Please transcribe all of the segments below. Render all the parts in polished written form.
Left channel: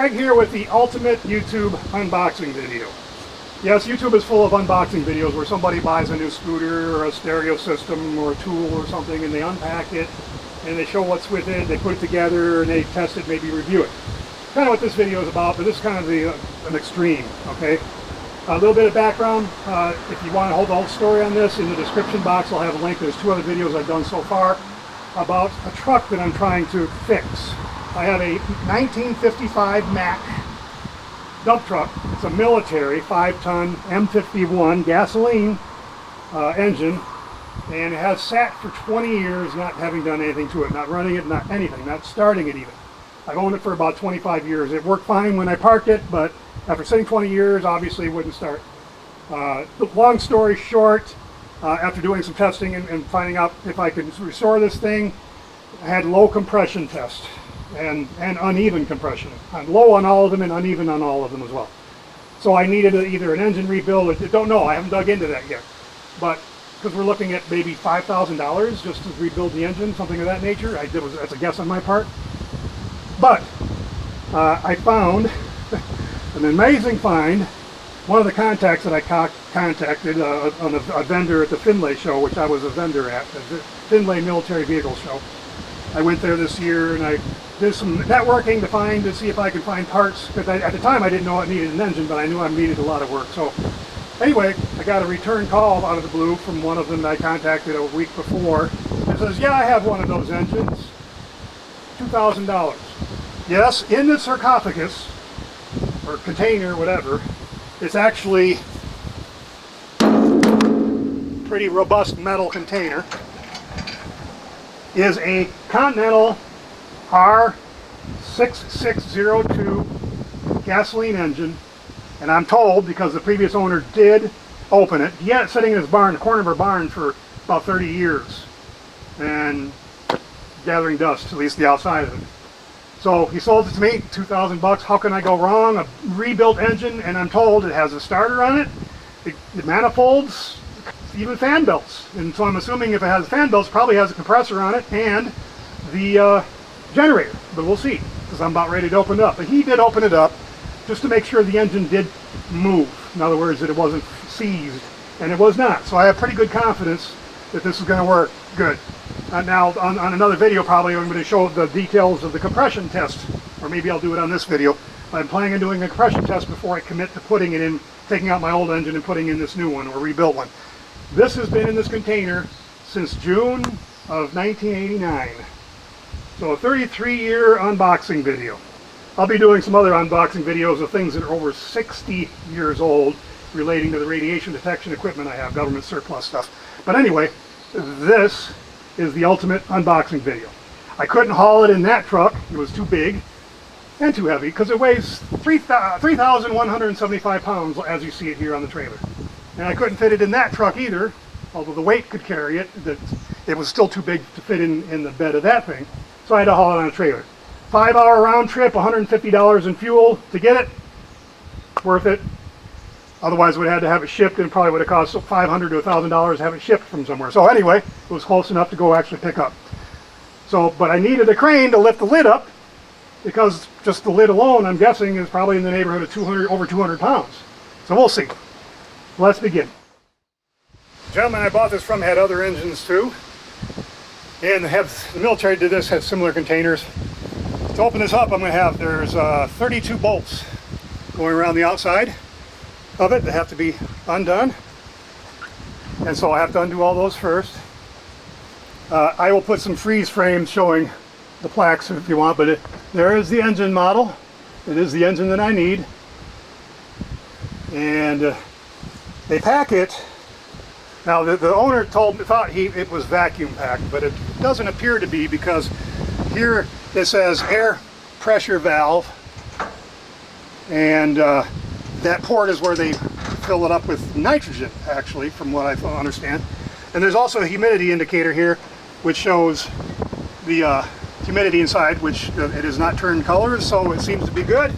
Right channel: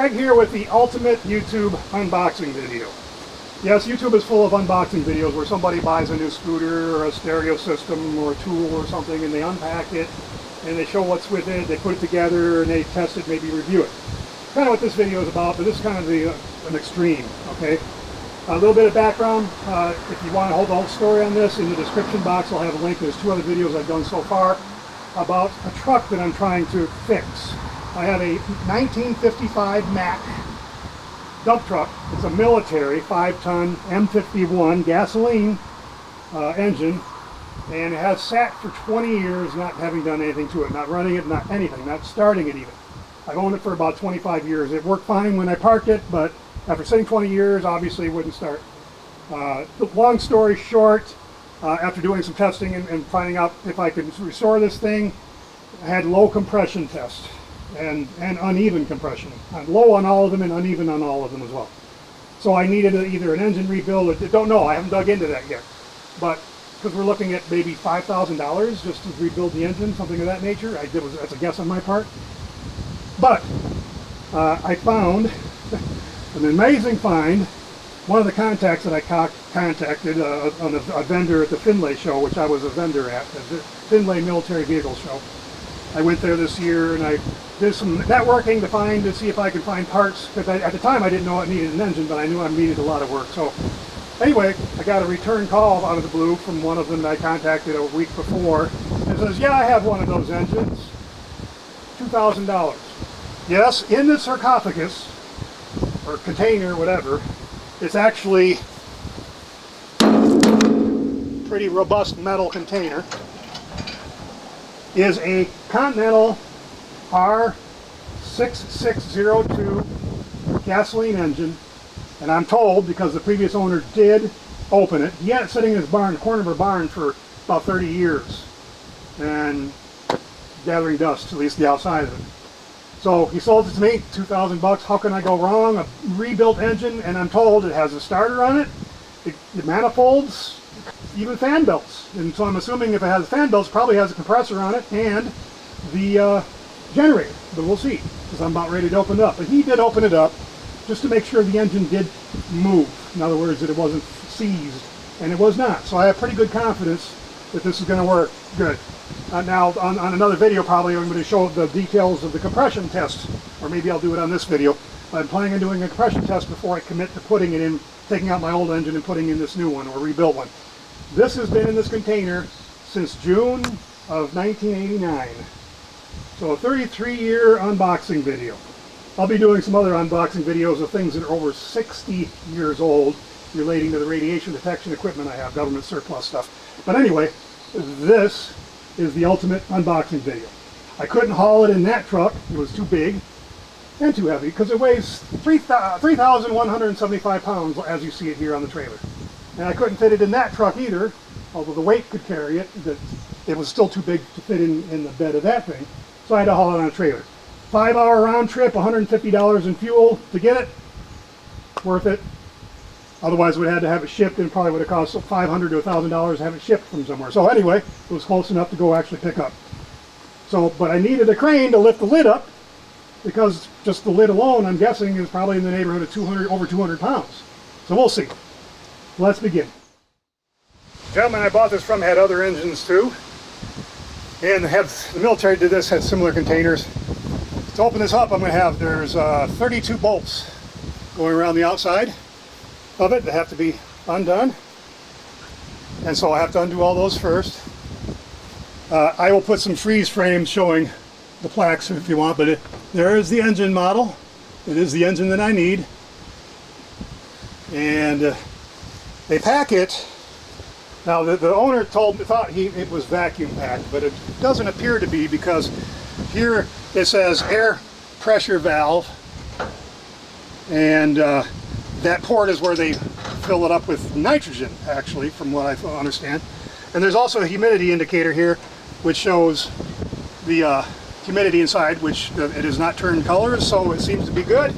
Greg here with the ultimate YouTube unboxing video. Yes, YouTube is full of unboxing videos where somebody buys a new scooter or a stereo system or a tool or something and they unpack it and they show what's with it, they put it together and they test it, maybe review it. Kind of what this video is about, but this is kind of an extreme, okay? A little bit of background, if you want to hold the whole story on this, in the description box I'll have a link. There's 2 other videos I've done so far about a truck that I'm trying to fix. I have a 1955 Mack dump truck. It's a military 5-ton M51 gasoline engine, and it has sat for 20 years not having done anything to it, not running it, not anything, not starting it even. I've owned it for about 25 years. It worked fine when I parked it, but after sitting 20 years, obviously it wouldn't start. Long story short, after doing some testing and finding out if I could restore this thing, I had low compression test and uneven compression. I'm low on all of them and uneven on all of them as well. So I needed either an engine rebuild, or don't know, I haven't dug into that yet. But because we're looking at maybe $5,000 just to rebuild the engine, something of that nature. That's a guess on my part. But I found an amazing find. One of the contacts that I contacted on a vendor at the Findlay show, which I was a vendor at, the Findlay Military Vehicle Show. I went there this year and I did some networking to see if I could find parts, because at the time I didn't know it needed an engine, but I knew I needed a lot of work. So anyway, I got a return call out of the blue from one of them that I contacted a week before. It says, yeah, I have one of those engines, $2,000. Yes, in the sarcophagus, or container, whatever, it's actually pretty robust metal container, is a Continental R6602 gasoline engine. And I'm told, because the previous owner did open it, he had it sitting in his barn, the corner of our barn, for about 30 years and gathering dust, at least the outside of it. So he sold it to me, $2,000. How can I go wrong? A rebuilt engine, and I'm told it has a starter on it, the manifolds, even fan belts. And so I'm assuming if it has fan belts, it probably has a compressor on it and the generator. But we'll see, because I'm about ready to open it up. But he did open it up just to make sure the engine did move. In other words, that it wasn't seized, and it was not. So I have pretty good confidence that this is going to work good. Now, on another video, probably I'm going to show the details of the compression test, or maybe I'll do it on this video. I'm planning on doing a compression test before I commit to putting it in, taking out my old engine and putting in this new one, or rebuilt one. This has been in this container since June of 1989. So a 33-year unboxing video. I'll be doing some other unboxing videos of things that are over 60 years old relating to the radiation detection equipment I have, government surplus stuff. But anyway, this is the ultimate unboxing video. I couldn't haul it in that truck. It was too big and too heavy, because it weighs 3,175 pounds, as you see it here on the trailer. And I couldn't fit it in that truck either, although the weight could carry it. It was still too big to fit in the bed of that thing. So I had to haul it on a trailer. 5-hour round trip, $150 in fuel to get it. Worth it. Otherwise, we had to have it shipped, and it probably would have cost $500 to $1,000 to have it shipped from somewhere. So anyway, it was close enough to go actually pick up. So, but I needed a crane to lift the lid up, because just the lid alone, I'm guessing, is probably in the neighborhood of over 200 pounds. So we'll see. Let's begin. The gentleman I bought this from had other engines too, and the military did this, had similar containers. To open this up, I'm going to have, there's 32 bolts going around the outside of it that have to be undone, and so I have to undo all those first. I will put some freeze frames showing the plaques if you want, but there is the engine model. It is the engine that I need, and they pack it. Now the owner thought it was vacuum packed, but it doesn't appear to be, because here it says air pressure valve, and that port is where they fill it up with nitrogen, actually, from what I understand. And there's also a humidity indicator here, which shows the humidity inside, which it has not turned colors, so it seems to be good.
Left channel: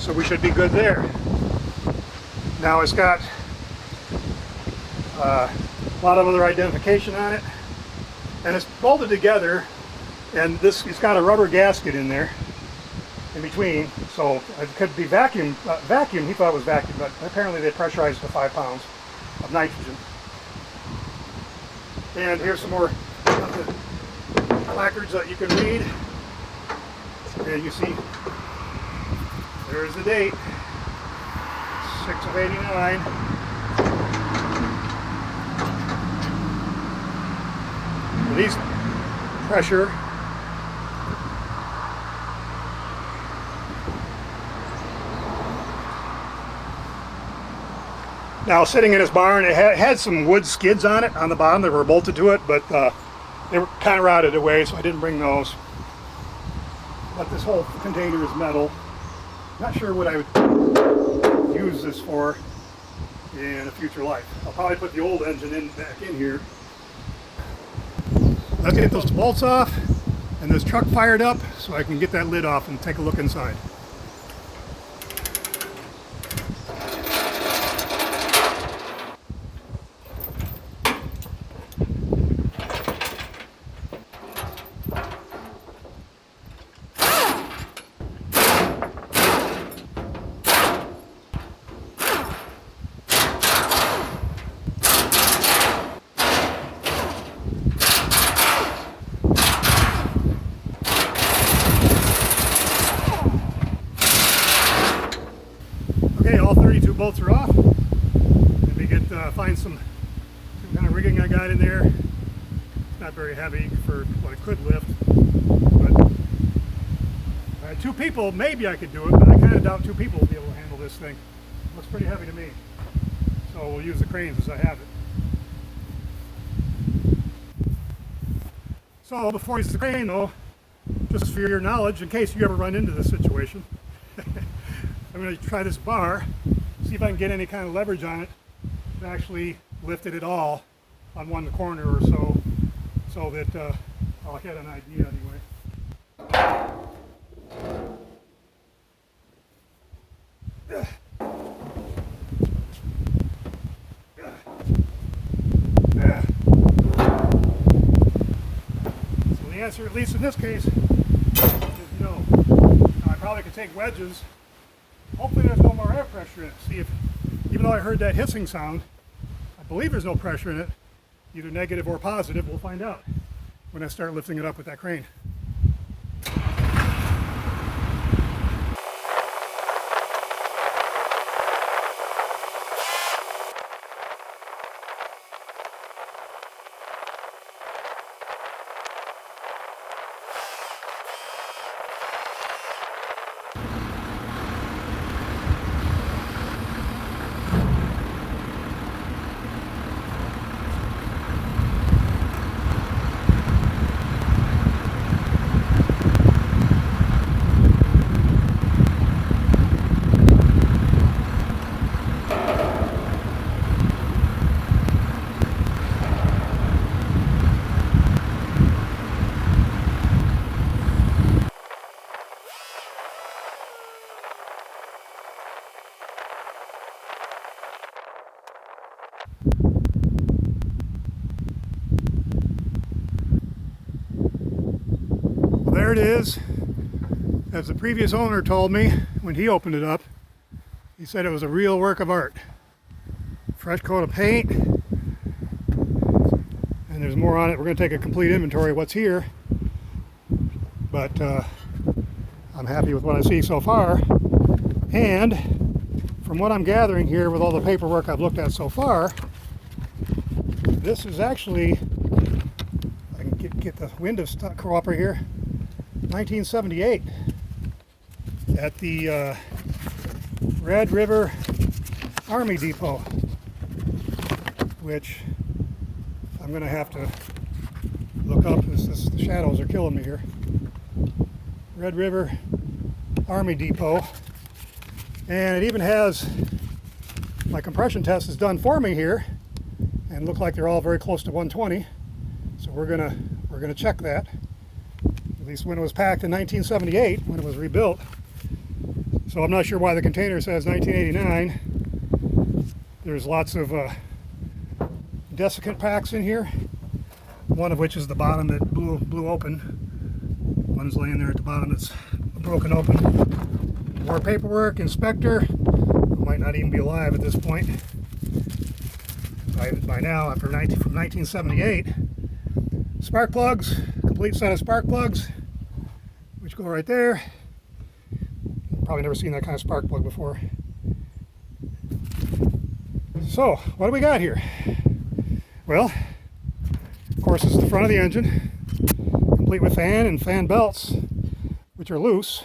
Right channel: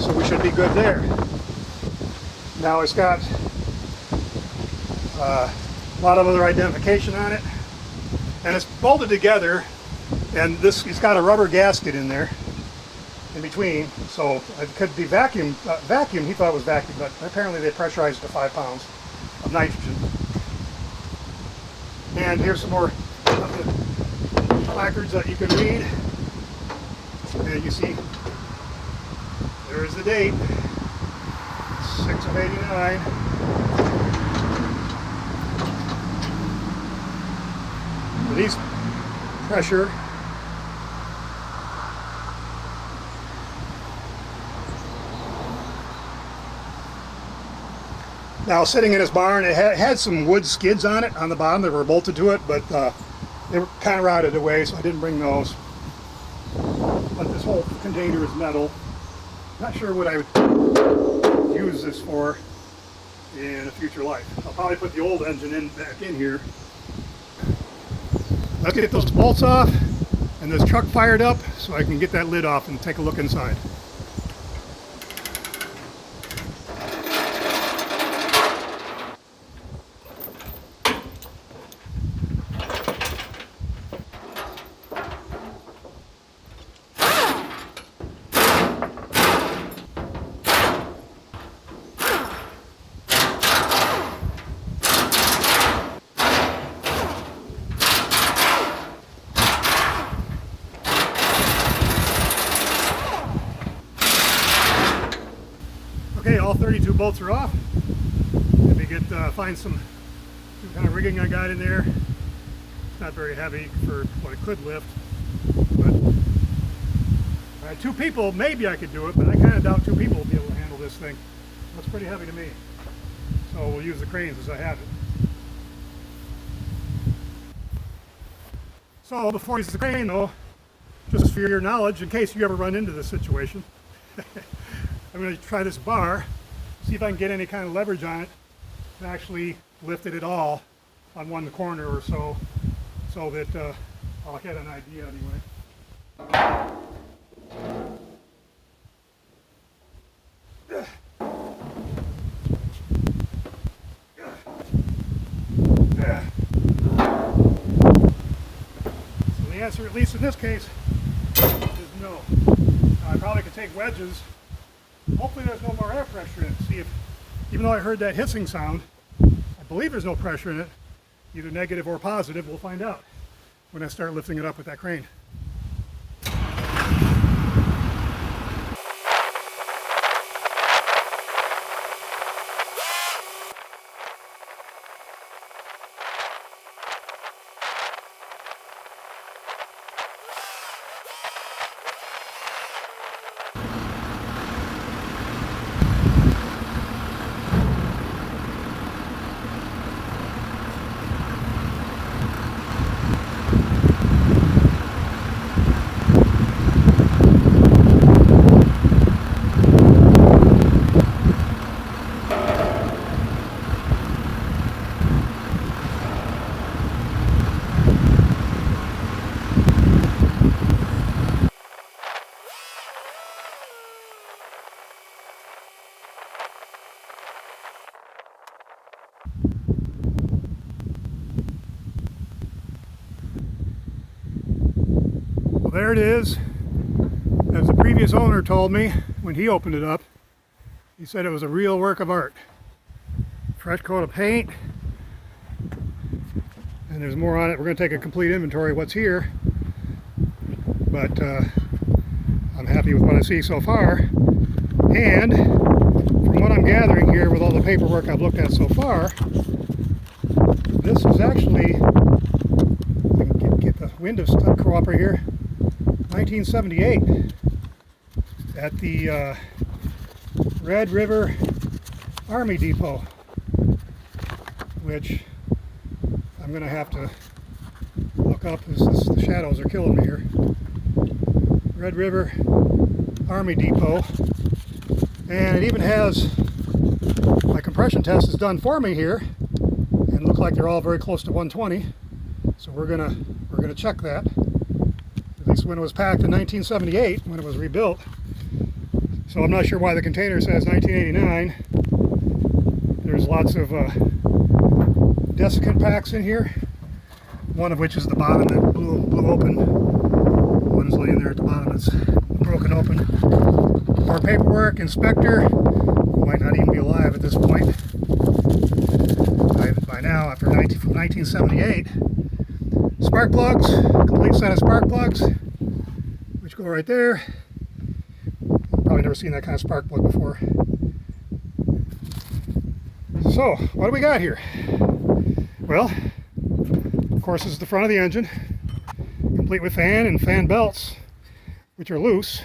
So we should be good there. Now it's got a lot of other identification on it, and it's bolted together, and it's got a rubber gasket in there, in between, so it could be vacuum. He thought it was vacuum, but apparently they pressurized to 5 pounds of nitrogen. And here's some more of the placards that you can read. And you see, there's the date, 6 of 89. Release pressure. Now, sitting in his barn, it had some wood skids on it on the bottom that were bolted to it, but they were kind of rotted away, so I didn't bring those. But this whole container is metal. Not sure what I would use this for in a future life. I'll probably put the old engine back in here. Let's get those bolts off and this truck fired up so I can get that lid off and take a look inside. Okay, all 32 bolts are off. Let me find some kind of rigging I got in there. It's not very heavy for what it could lift, but if I had 2 people, maybe I could do it, but I kind of doubt 2 people will be able to handle this thing. It looks pretty heavy to me. So we'll use the cranes as I have it. So before I use the crane though, just for your knowledge, in case you ever run into this situation, I'm going to try this bar, see if I can get any kind of leverage on it to actually lift it at all on one corner or so, so that I'll get an idea anyway. So the answer, at least in this case, is no. Now I probably could take wedges. Hopefully there's no more air pressure in it. See if, even though I heard that hissing sound, I believe there's no pressure in it, either negative or positive. We'll find out when I start lifting it up with that crane. Well, there it is. As the previous owner told me when he opened it up, he said it was a real work of art. Fresh coat of paint, and there's more on it. We're going to take a complete inventory of what's here, but I'm happy with what I see so far. And from what I'm gathering here with all the paperwork I've looked at so far, this is actually, I can get the window stuff cooperate here, 1978 at the Red River Army Depot, which I'm going to have to look up. The shadows are killing me here. Red River Army Depot, and it even has my compression test is done for me here, and look like they're all very close to 120. So we're gonna check that. At least when it was packed in 1978, when it was rebuilt. So I'm not sure why the container says 1989. There's lots of desiccant packs in here. One of which is the bottom that blew open. One's laying there at the bottom that's broken open. More paperwork, inspector, who might not even be alive at this point by now, from 1978. Spark plugs, complete set of spark plugs, which go right there. Probably never seen that kind of spark plug before. So, what do we got here? Well, of course, this is the front of the engine, complete with fan and fan belts, which are loose.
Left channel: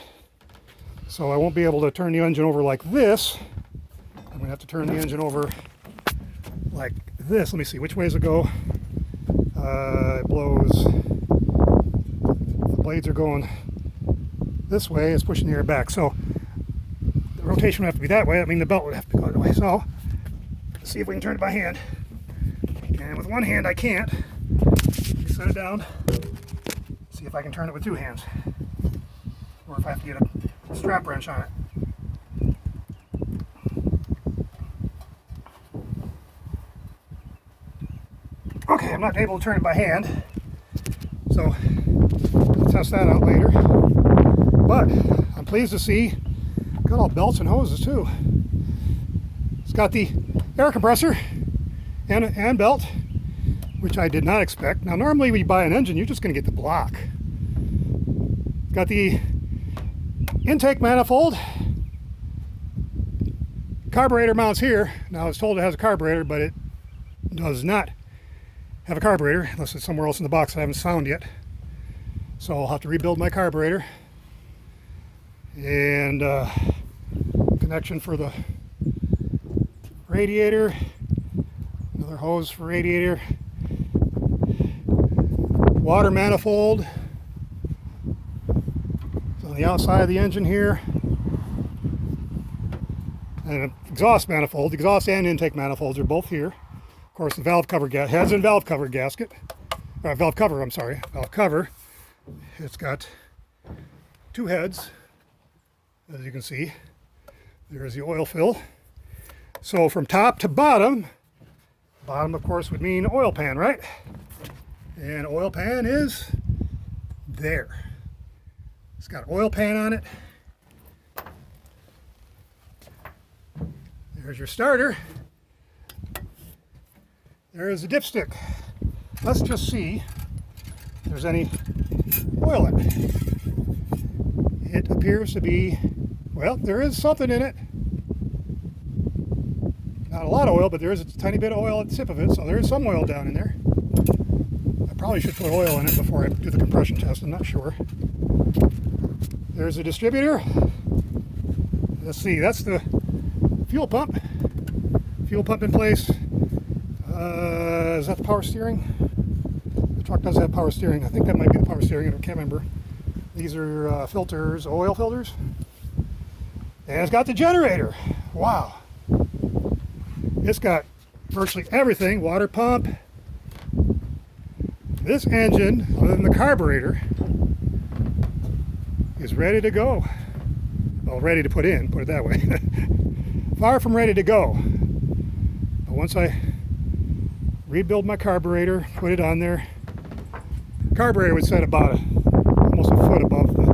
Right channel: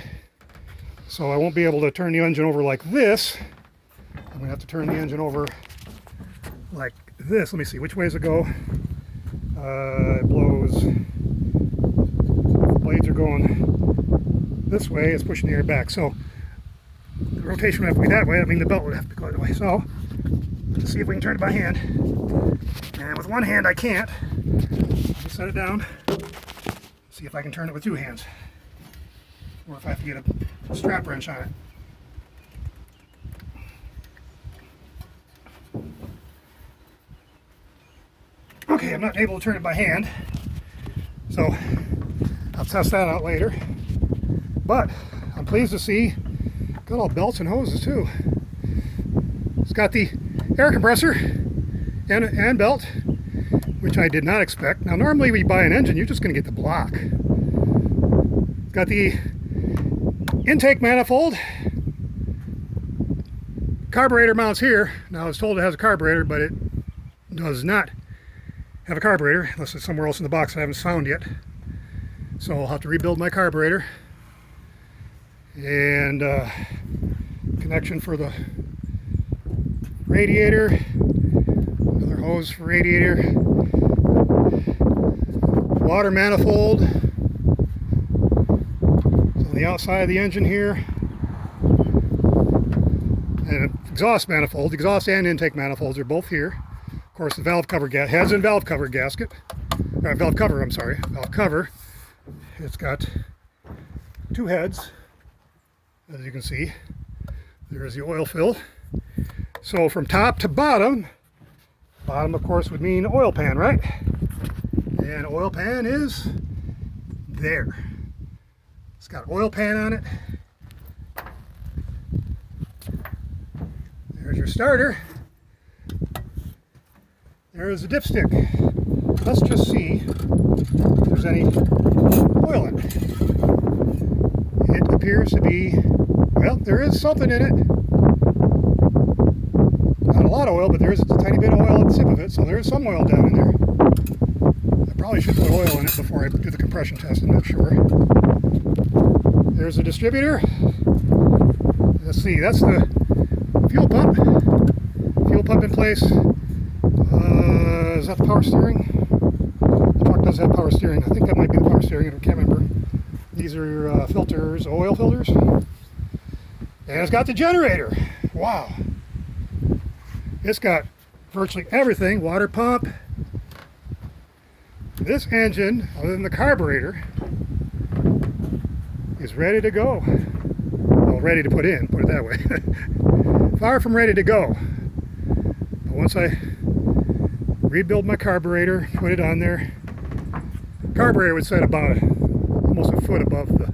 So I won't be able to turn the engine over like this. I'm going to have to turn the engine over like this. Let me see, which way does it go? It blows. The blades are going this way. It's pushing the air back. So the rotation would have to be that way. I mean, the belt would have to go that way. So let's see if we can turn it by hand. And with one hand, I can't. Let me set it down. See if I can turn it with two hands. Or if I have to get a strap wrench on it. Okay, I'm not able to turn it by hand, so I'll test that out later. But I'm pleased to see got all belts and hoses too. It's got the air compressor and belt, which I did not expect. Now normally when you buy an engine, you're just going to get the block. It's got the intake manifold, carburetor mounts here. Now I was told it has a carburetor, but it does not have a carburetor unless it's somewhere else in the box I haven't found yet. So I'll have to rebuild my carburetor. And connection for the radiator, another hose for radiator, water manifold. It's on the outside of the engine here. And an exhaust manifold. Exhaust and intake manifolds are both here. Of course, the valve cover heads and valve cover gasket. Valve cover, I'm sorry. Valve cover. It's got two heads, as you can see. There's the oil fill. So from top to bottom, bottom of course would mean oil pan, right? And oil pan is there. It's got oil pan on it. There's your starter. There's a dipstick. Let's just see if there's any oil in it. It appears to be, well, there is something in it. Not a lot of oil, but there is a tiny bit of oil at the tip of it, so there is some oil down in there. I probably should put oil in it before I do the compression test, I'm not sure. There's a distributor. Let's see, that's the fuel pump. Fuel pump in place. Is that the power steering? The truck does have power steering. I think that might be the power steering. I can't remember. These are filters, oil filters. And it's got the generator. Wow. It's got virtually everything. Water pump. This engine, other than the carburetor, is ready to go. Well, ready to put in, put it that way. Far from ready to go. But once I rebuild my carburetor, put it on there, carburetor would set about almost a foot above the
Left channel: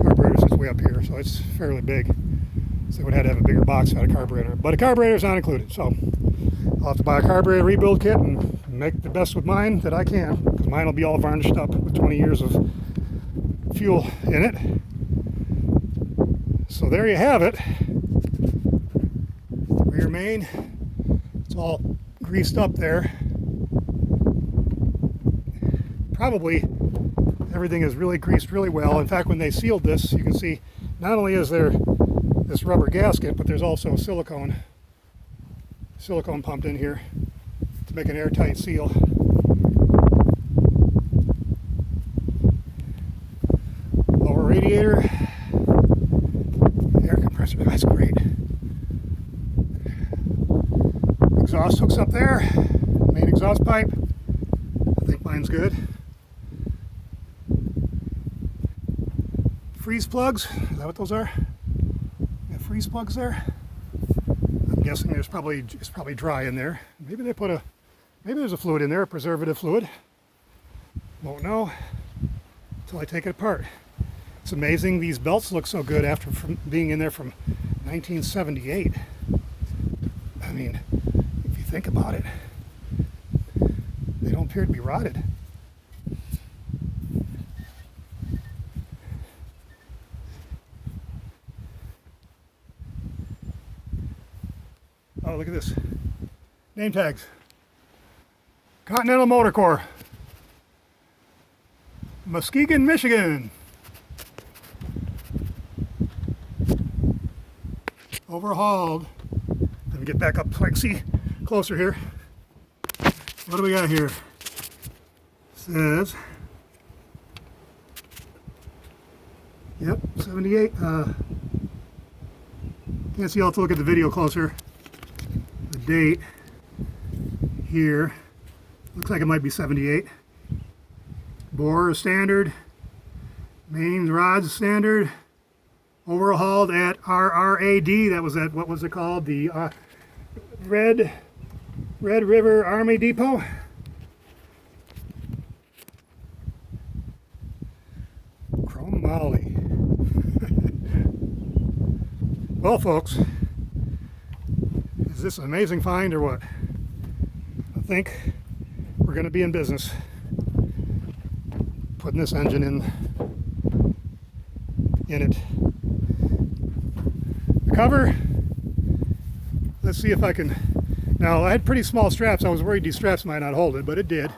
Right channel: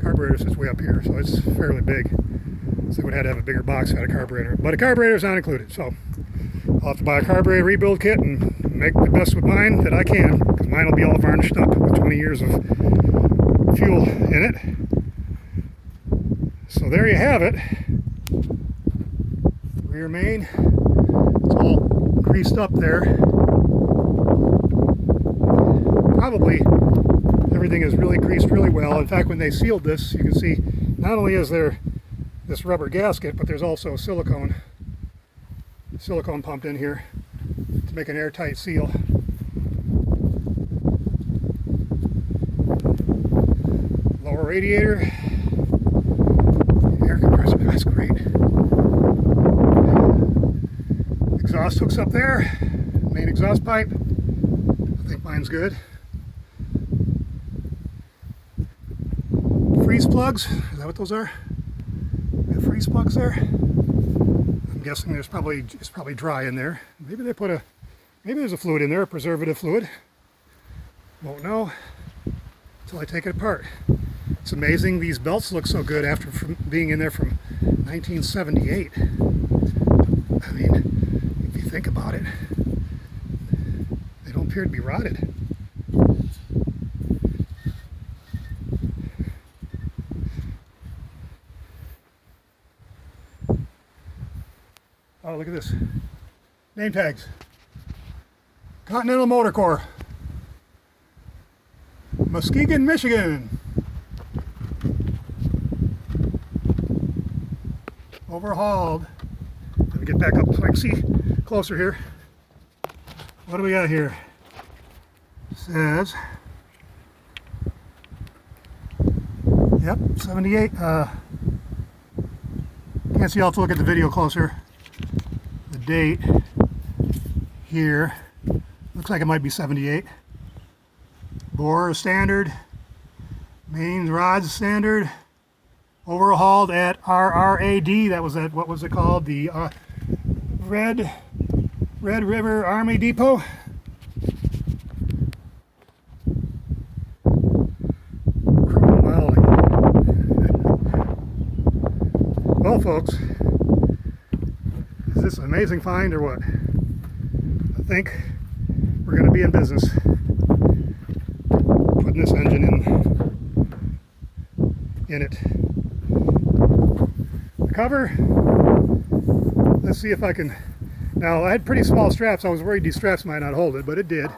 carburetor sits way up here, so it's fairly big. So they would have to have a bigger box out of carburetor, but a carburetor is not included. So I'll have to buy a carburetor rebuild kit and make the best with mine that I can, because mine will be all varnished up with 20 years of fuel in it. So there you have it. Rear main, it's all greased up there. Probably everything is really greased really well. In fact, when they sealed this, you can see not only is there this rubber gasket, but there's also silicone pumped in here to make an airtight seal. Lower radiator, air compressor, that's great. Exhaust hooks up there, main exhaust pipe. I think mine's good. Freeze plugs, is that what those are? We have freeze plugs there. I'm guessing it's probably dry in there. Maybe they put maybe there's a fluid in there, a preservative fluid. Won't know until I take it apart. It's amazing these belts look so good after being in there from 1978. I mean, if you think about it, they don't appear to be rotted. Oh, look at this. Name tags. Continental Motor Corps. Muskegon, Michigan. Overhauled. Let me get back up so I can see closer here. What do we got here? It says, yep, 78. Can't see, I'll have to look at the video closer. The date here looks like it might be 78. Bore is standard. Main rods standard. Overhauled at RRAD. That was at, what was it called? The Red River Army Depot. Chromoly. Well, folks, is this an amazing find or what? I think we're going to be in business putting this engine in it. The cover, let's see if I can. Now, I had pretty small straps. I was worried these straps might not hold it, but it did.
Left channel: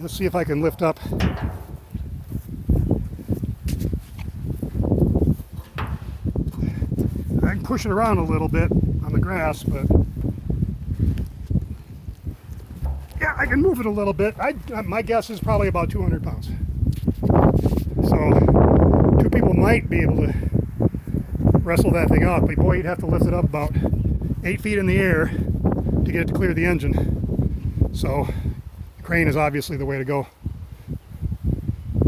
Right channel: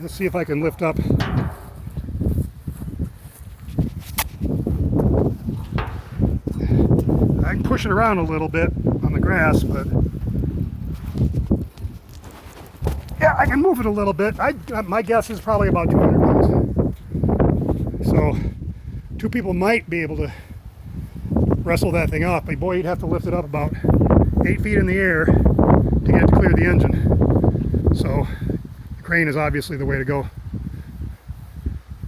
Let's see if I can lift up. I can push it around a little bit on the grass, but yeah, I can move it a little bit. My guess is probably about 200 pounds. So 2 people might be able to wrestle that thing up, but boy, you'd have to lift it up about 8 feet in the air to get it to clear the engine. So the crane is obviously the way to go.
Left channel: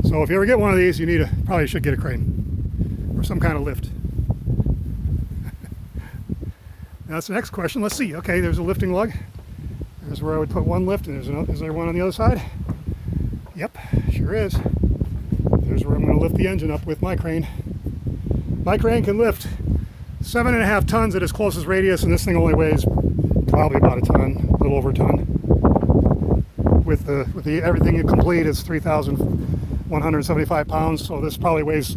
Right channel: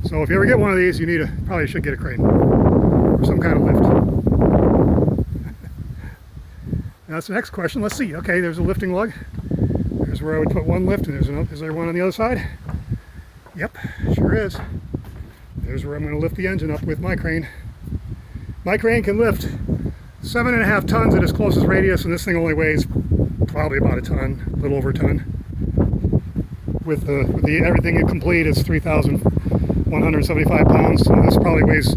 So if you ever get one of these, you probably should get a crane or some kind of lift. Now that's the next question. Let's see. Okay, there's a lifting lug. There's where I would put one lift, and there's another. Is there one on the other side? Yep, sure is. There's where I'm going to lift the engine up with my crane. My crane can lift 7.5 tons at its closest radius, and this thing only weighs probably about a ton, a little over a ton. With the everything complete, it's 3,175 pounds. So this probably weighs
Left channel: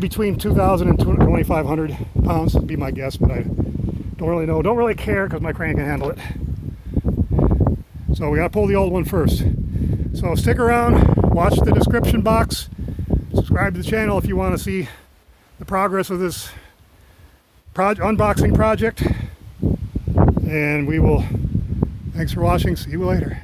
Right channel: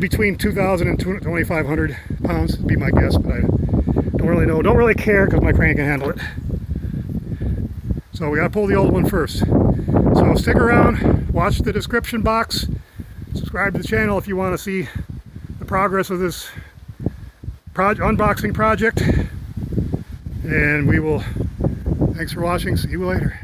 between 2,000 and 2,500 pounds would be my guess, but I don't really know. Don't really care because my crane can handle it. So we got to pull the old one first. So stick around, watch the description box, subscribe to the channel if you want to see the progress of this unboxing project, and we will. Thanks for watching. See you later.